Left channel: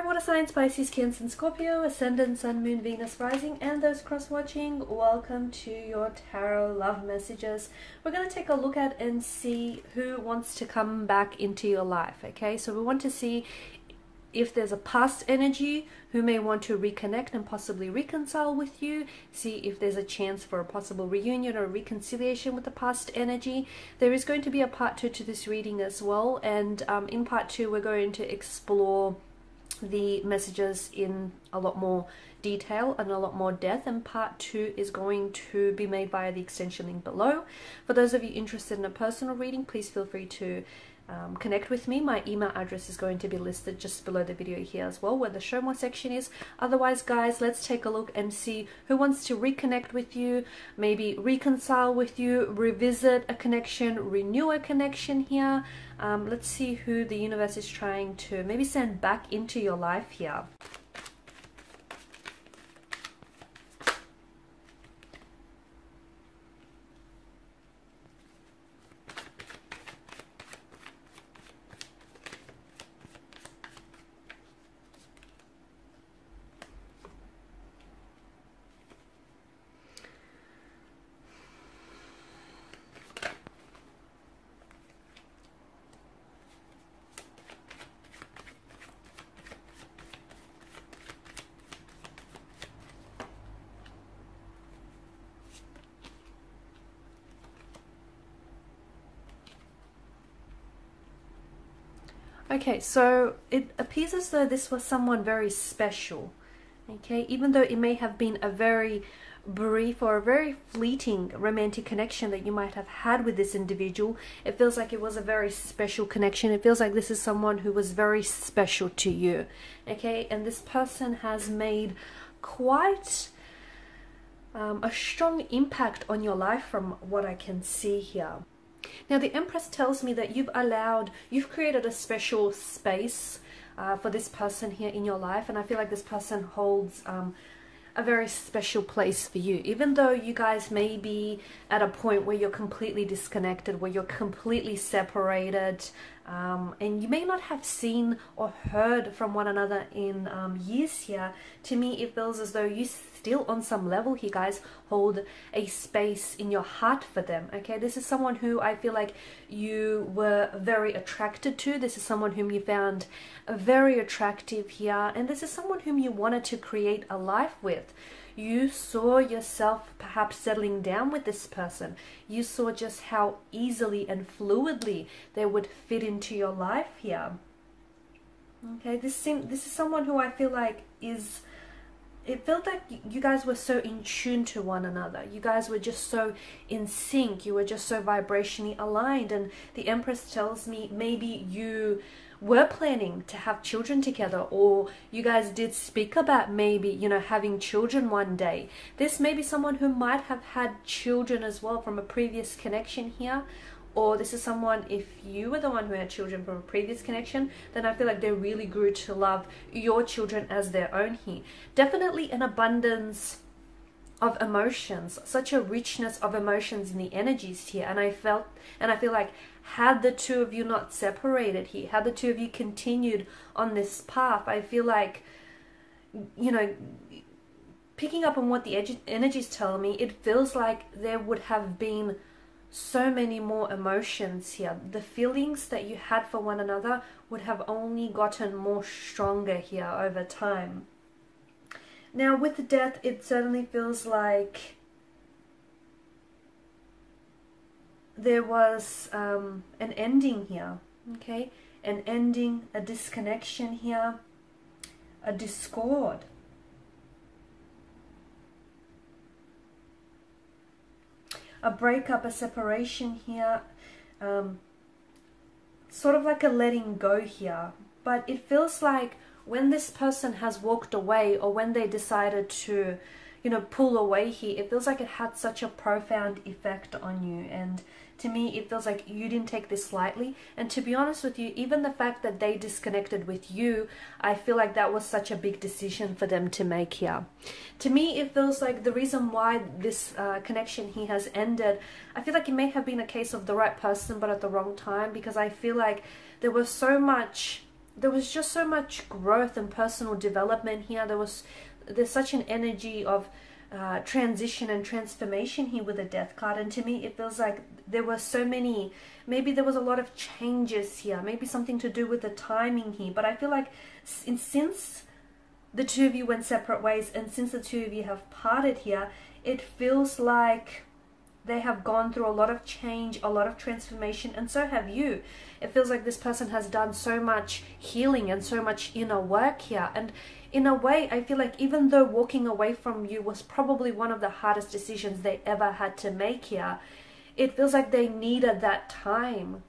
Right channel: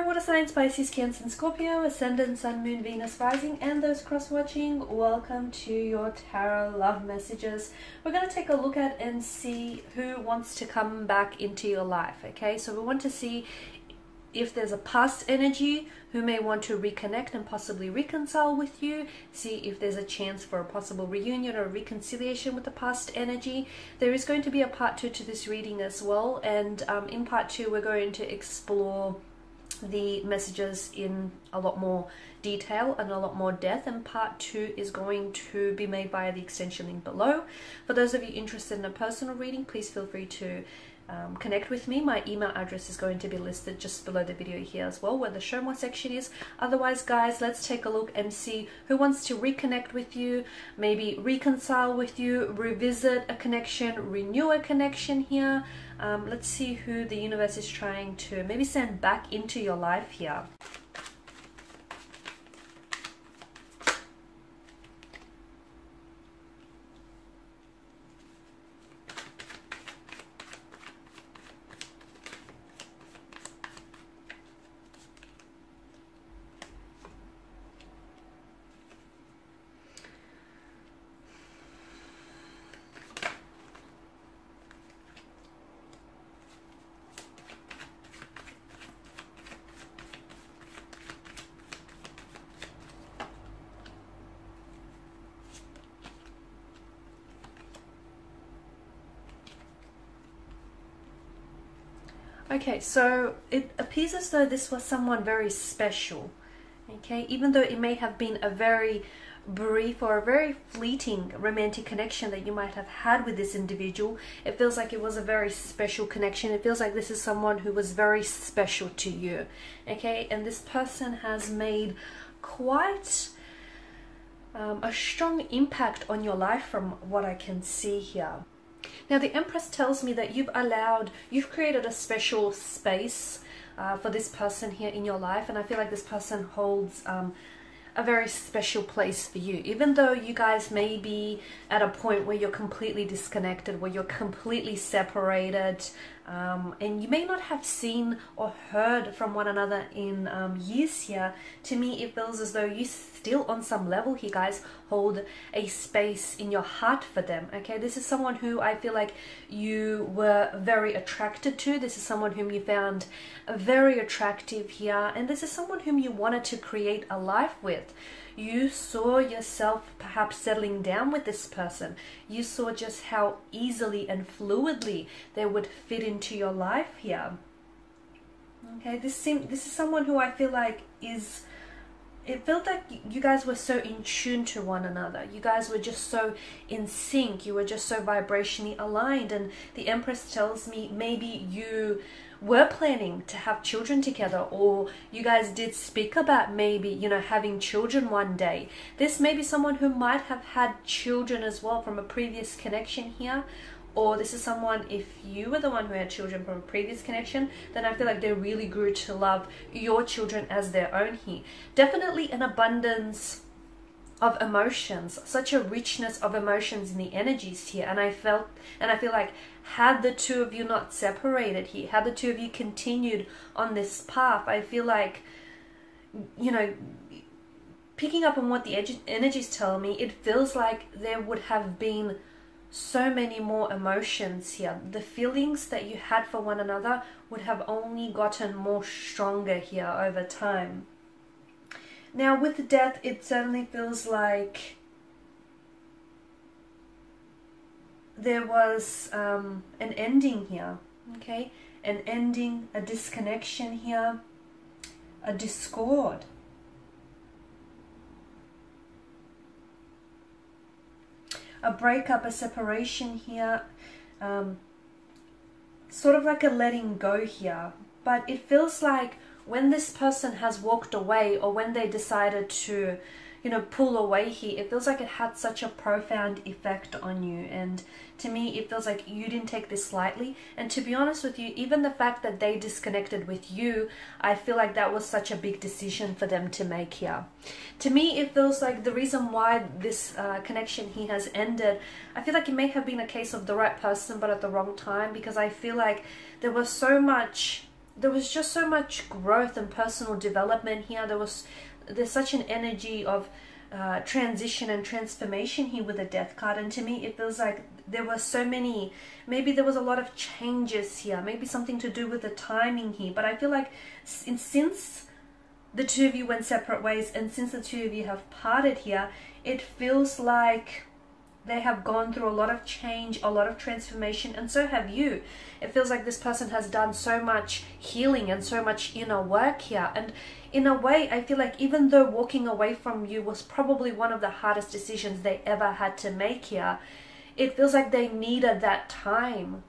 Hello water signs, Pisces, Cancer and Scorpio, Ascendant, Sun, Moon, Venus, Rising, and those cross-watching. Welcome to your tarot love messages. We're going to take a look at and see who wants to come back into your life, okay? So we want to see if there's a past energy who may want to reconnect and possibly reconcile with you. See if there's a chance for a possible reunion or reconciliation with the past energy. There is going to be a part 2 to this reading as well, and in part 2 we're going to explore the messages in a lot more detail and a lot more depth, and part 2 is going to be made via the extension link below. For those of you interested in a personal reading, please feel free to connect with me. My email address is going to be listed just below the video here as well, where the show more section is. Otherwise, guys, let's take a look and see who wants to reconnect with you, maybe reconcile with you, revisit a connection, renew a connection here. Let's see who the universe is trying to maybe send back into your life here. Okay, so it appears as though this was someone very special, okay? Even though it may have been a very brief or a very fleeting romantic connection that you might have had with this individual, it feels like it was a very special connection. It feels like this is someone who was very special to you, okay? And this person has made quite a strong impact on your life from what I can see here. Now, the Empress tells me that you've created a special space for this person here in your life, and I feel like this person holds a very special place for you. Even though you guys may be at a point where you're completely disconnected, where you're completely separated, and you may not have seen or heard from one another in years here, to me it feels as though you still on some level here, guys, hold a space in your heart for them, okay? This is someone who I feel like you were very attracted to. This is someone whom you found very attractive here, and this is someone whom you wanted to create a life with. You saw yourself perhaps settling down with this person. You saw just how easily and fluidly they would fit into your life here. Okay, this is someone who I feel like it felt like you guys were so in tune to one another. You guys were just so in sync. You were just so vibrationally aligned. And the Empress tells me maybe you were planning to have children together, or you guys did speak about maybe, you know, having children one day. This may be someone who might have had children as well from a previous connection here. Or this is someone, if you were the one who had children from a previous connection, then I feel like they really grew to love your children as their own here. Definitely an abundance of emotions, such a richness of emotions in the energies here. And I feel like had the two of you not separated here, had the two of you continued on this path, I feel like, you know, picking up on what the energies tell me, it feels like there would have been so many more emotions here. The feelings that you had for one another would have only gotten more stronger here over time. Now, with death, it certainly feels like there was an ending here, okay? An ending, a disconnection here, a discord. A breakup, a separation here, sort of like a letting go here. But it feels like when this person has walked away, or when they decided to, you know, pull away here, it feels like it had such a profound effect on you. And to me, it feels like you didn't take this lightly. And to be honest with you, even the fact that they disconnected with you, I feel like that was such a big decision for them to make here. To me, it feels like the reason why this connection here has ended, I feel like it may have been a case of the right person but at the wrong time, because I feel like there was so much there was just so much growth and personal development here. There's such an energy of transition and transformation here with the Death card, and to me it feels like there were so many, maybe there was a lot of changes here, maybe something to do with the timing here, but I feel like since the two of you went separate ways and since the two of you have parted here, it feels like they have gone through a lot of change, a lot of transformation, and so have you. It feels like this person has done so much healing and so much inner work here, and in a way I feel like even though walking away from you was probably one of the hardest decisions they ever had to make here, it feels like they needed that time.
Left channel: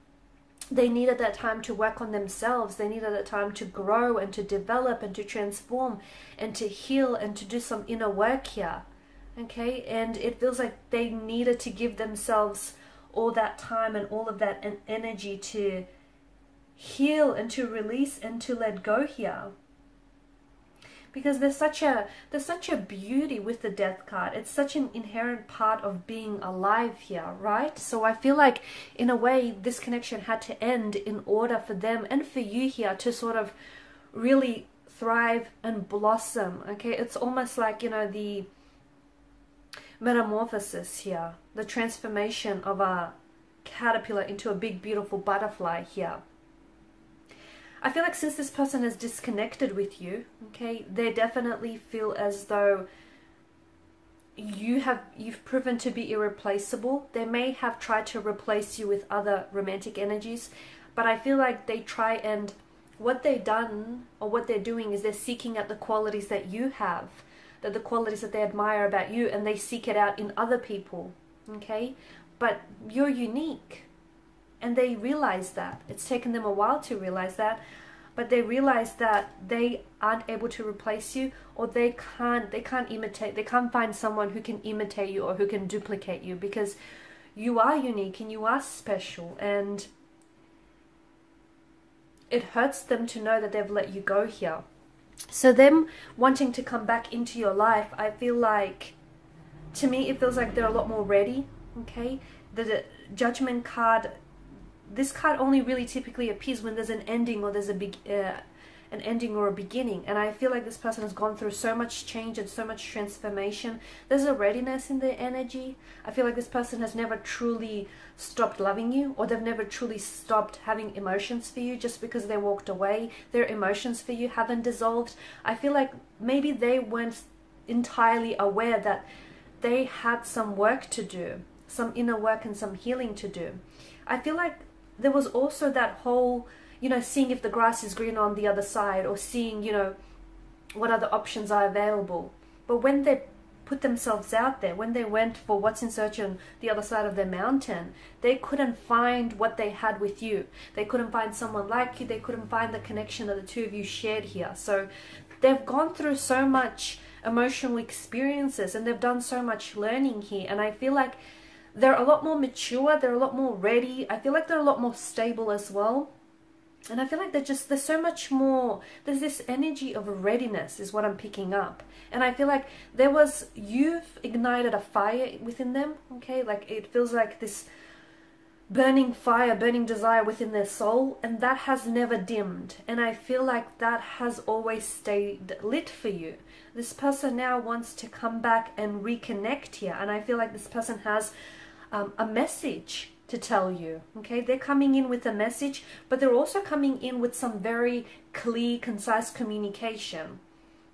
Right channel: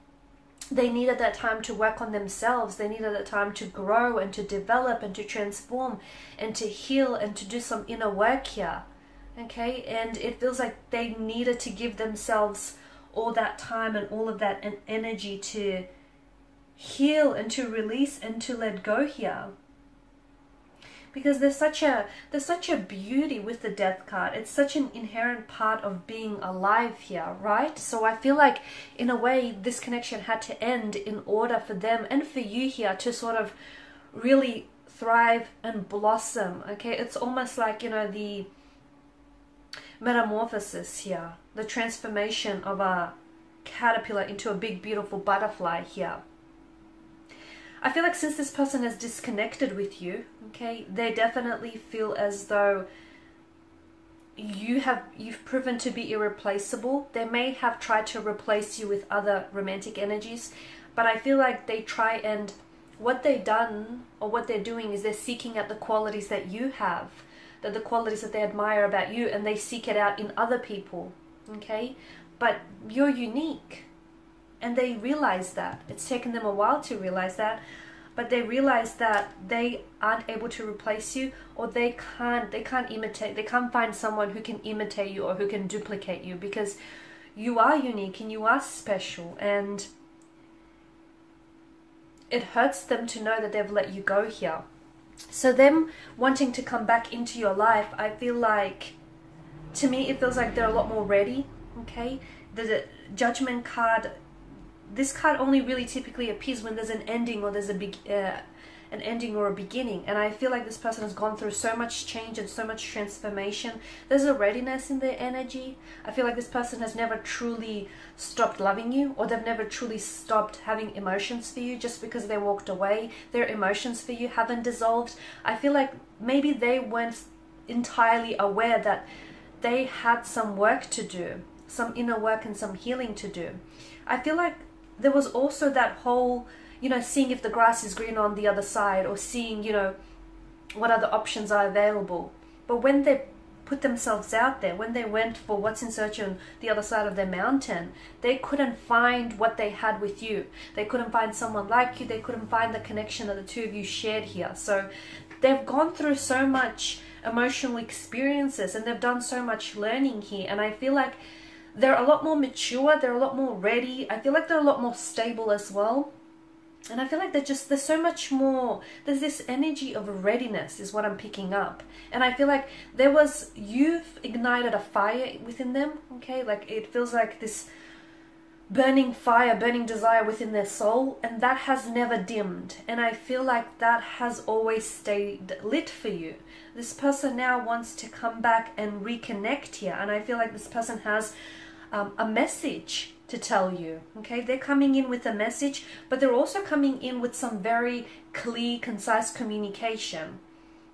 They needed that time to work on themselves. They needed that time to grow and to develop and to transform and to heal and to do some inner work here. Okay, and it feels like they needed to give themselves all that time and all of that energy to heal and to release and to let go here. Because there's such a beauty with the Death card. It's such an inherent part of being alive here, right? So I feel like in a way this connection had to end in order for them and for you here to sort of really thrive and blossom. Okay, it's almost like, you know, the metamorphosis here, the transformation of a caterpillar into a big beautiful butterfly here. I feel like since this person has disconnected with you, okay, they definitely feel as though you've proven to be irreplaceable. They may have tried to replace you with other romantic energies, but I feel like they try, and what they've done or what they're doing is they're seeking out the qualities that you have, the qualities that they admire about you, and they seek it out in other people, okay? But you're unique, and they realize that. It's taken them a while to realize that, but they realize that they aren't able to replace you, or they can't imitate, they can't find someone who can imitate you or who can duplicate you, because you are unique and you are special, and it hurts them to know that they've let you go here. So them wanting to come back into your life, I feel like, to me, it feels like they're a lot more ready, okay? The Judgment card, this card only really typically appears when there's an ending or there's an ending or a beginning. And I feel like this person has gone through so much change and so much transformation. There's a readiness in their energy. I feel like this person has never truly stopped loving you, or they've never truly stopped having emotions for you just because they walked away. Their emotions for you haven't dissolved. I feel like maybe they weren't entirely aware that they had some work to do, some inner work and some healing to do. I feel like there was also that whole, you know, seeing if the grass is green on the other side, or seeing, you know, what other options are available. But when they put themselves out there, when they went for what's in search on the other side of the mountain, they couldn't find what they had with you. They couldn't find someone like you. They couldn't find the connection that the two of you shared here. So they've gone through so much emotional experiences, and they've done so much learning here, and I feel like they're a lot more mature, they're a lot more ready. I feel like they're a lot more stable as well. And I feel like there's so much more, there's this energy of readiness is what I'm picking up. And I feel like you've ignited a fire within them, okay? Like it feels like this burning fire, burning desire within their soul, and that has never dimmed. And I feel like that has always stayed lit for you. This person now wants to come back and reconnect here, and I feel like this person has a message to tell you, okay? They're coming in with a message, but they're also coming in with some very clear, concise communication,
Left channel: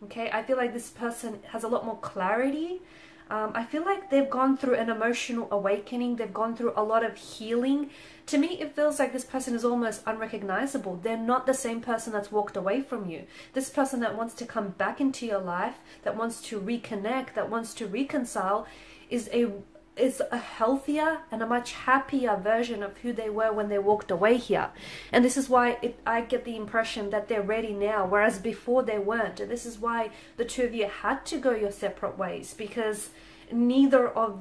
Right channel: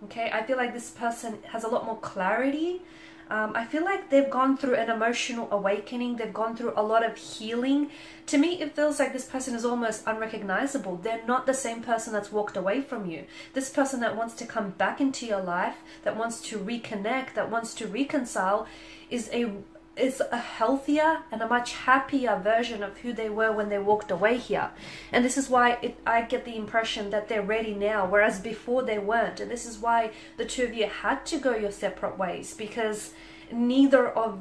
okay? I feel like this person has a lot more clarity. I feel like they've gone through an emotional awakening. They've gone through a lot of healing. To me, it feels like this person is almost unrecognizable. They're not the same person that's walked away from you. This person that wants to come back into your life, that wants to reconnect, that wants to reconcile, is a healthier and a much happier version of who they were when they walked away here. And this is why I get the impression that they're ready now, whereas before they weren't. And this is why the two of you had to go your separate ways, because neither of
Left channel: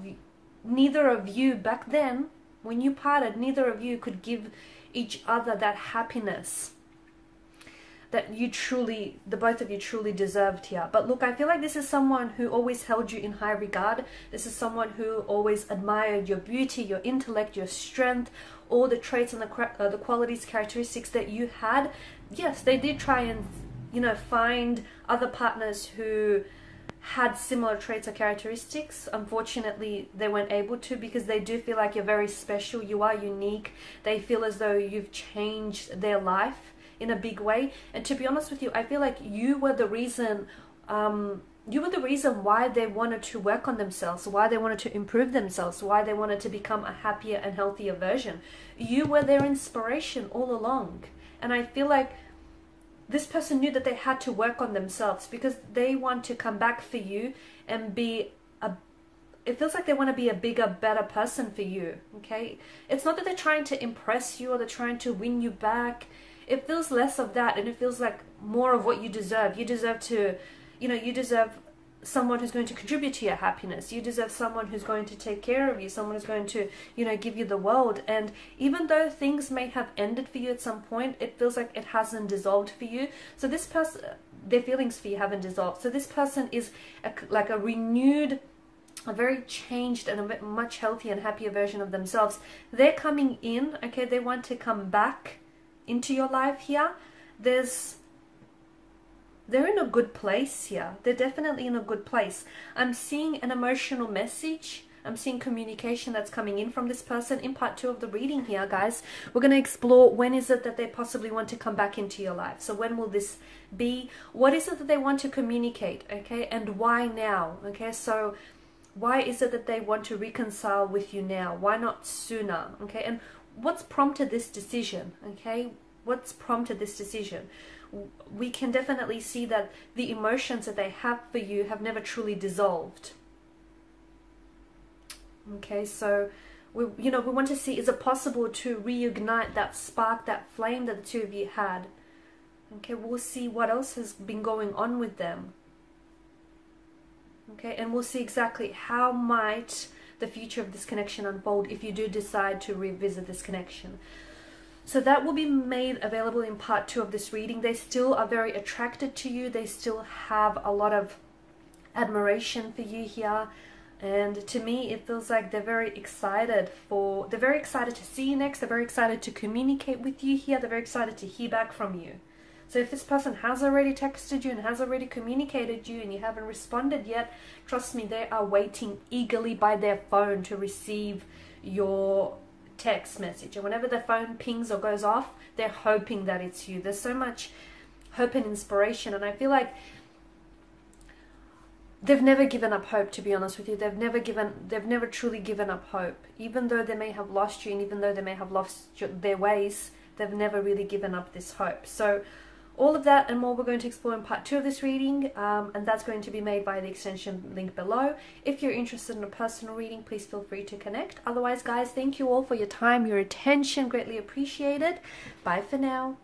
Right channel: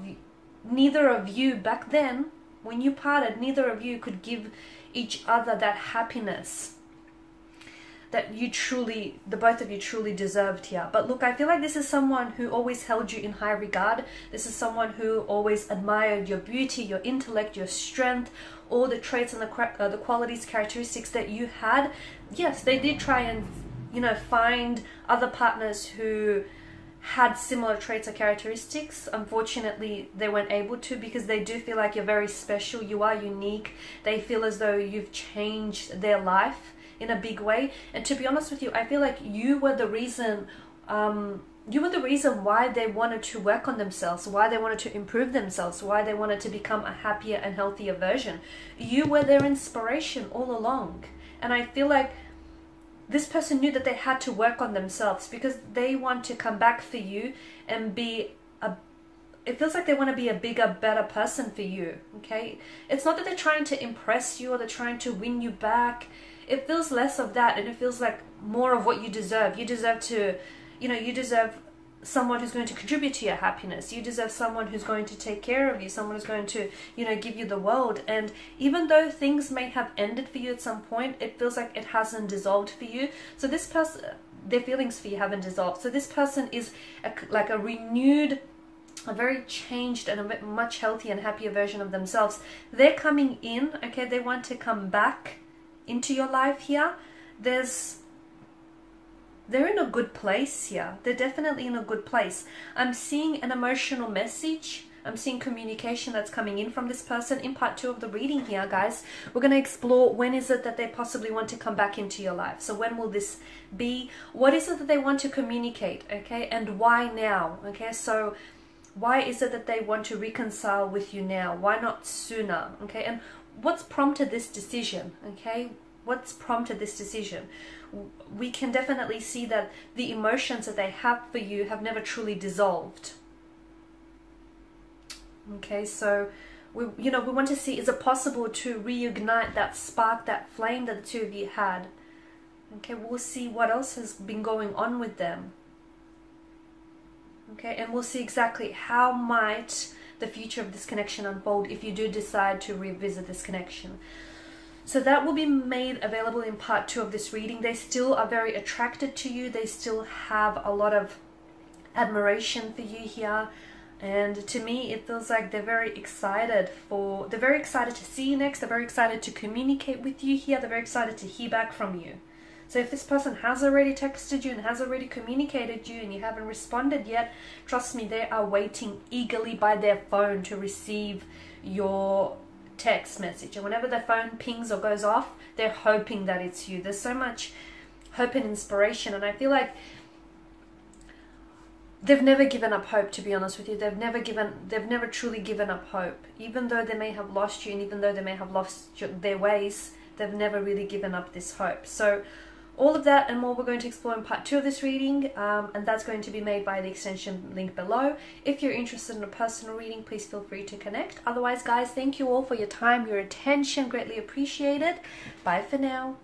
you back then, when you parted, neither of you could give each other that happiness that the both of you truly deserved here. But look, I feel like this is someone who always held you in high regard. This is someone who always admired your beauty, your intellect, your strength, all the traits and the qualities, characteristics that you had. yes, they did try and, you know, find other partners who had similar traits or characteristics. Unfortunately, they weren't able to, because they do feel like you're very special, you are unique. They feel as though you've changed their life in a big way. And to be honest with you, I feel like you were the reason why they wanted to work on themselves, why they wanted to improve themselves, why they wanted to become a happier and healthier version. You were their inspiration all along. And I feel like this person knew that they had to work on themselves, because they want to come back for you and be it feels like they want to be a bigger, better person for you, okay? It's not that they're trying to impress you or they're trying to win you back. It feels less of that, and it feels like more of what you deserve. You deserve to, you know, you deserve someone who's going to contribute to your happiness. You deserve someone who's going to take care of you, someone who's going to, you know, give you the world. And even though things may have ended for you at some point, it feels like it hasn't dissolved for you. So this person, their feelings for you haven't dissolved. So this person is like a renewed, a very changed and a much healthier and happier version of themselves. They're coming in, okay? They want to come back into your life here. They're in a good place here. They're definitely in a good place. I'm seeing an emotional message. I'm seeing communication that's coming in from this person. In part 2 of the reading here, guys, we're going to explore when is it that they possibly want to come back into your life. So when will this be? What is it that they want to communicate, okay? And why now, okay? So why is it that they want to reconcile with you now? Why not sooner, okay? And what's prompted this decision, okay? What's prompted this decision? We can definitely see that the emotions that they have for you have never truly dissolved. Okay, so we want to see, is it possible to reignite that spark, that flame that the two of you had? Okay, we'll see what else has been going on with them. Okay, and we'll see exactly how might the future of this connection unfold if you do decide to revisit this connection. So that will be made available in part 2 of this reading. They still are very attracted to you. They still have a lot of admiration for you here. And to me, it feels like they're very excited to see you next. They're very excited to communicate with you here. They're very excited to hear back from you. So if this person has already texted you and has already communicated you and you haven't responded yet, trust me, they are waiting eagerly by their phone to receive your text message. And whenever their phone pings or goes off, they're hoping that it's you. There's so much hope and inspiration, and I feel like they've never given up hope, to be honest with you. They've never truly given up hope. Even though they may have lost you, and even though they may have lost their ways, they've never really given up this hope. So all of that and more we're going to explore in part 2 of this reading, and that's going to be made by the extension link below. If you're interested in a personal reading, please feel free to connect. Otherwise, guys, thank you all for your time, your attention, greatly appreciated. Bye for now.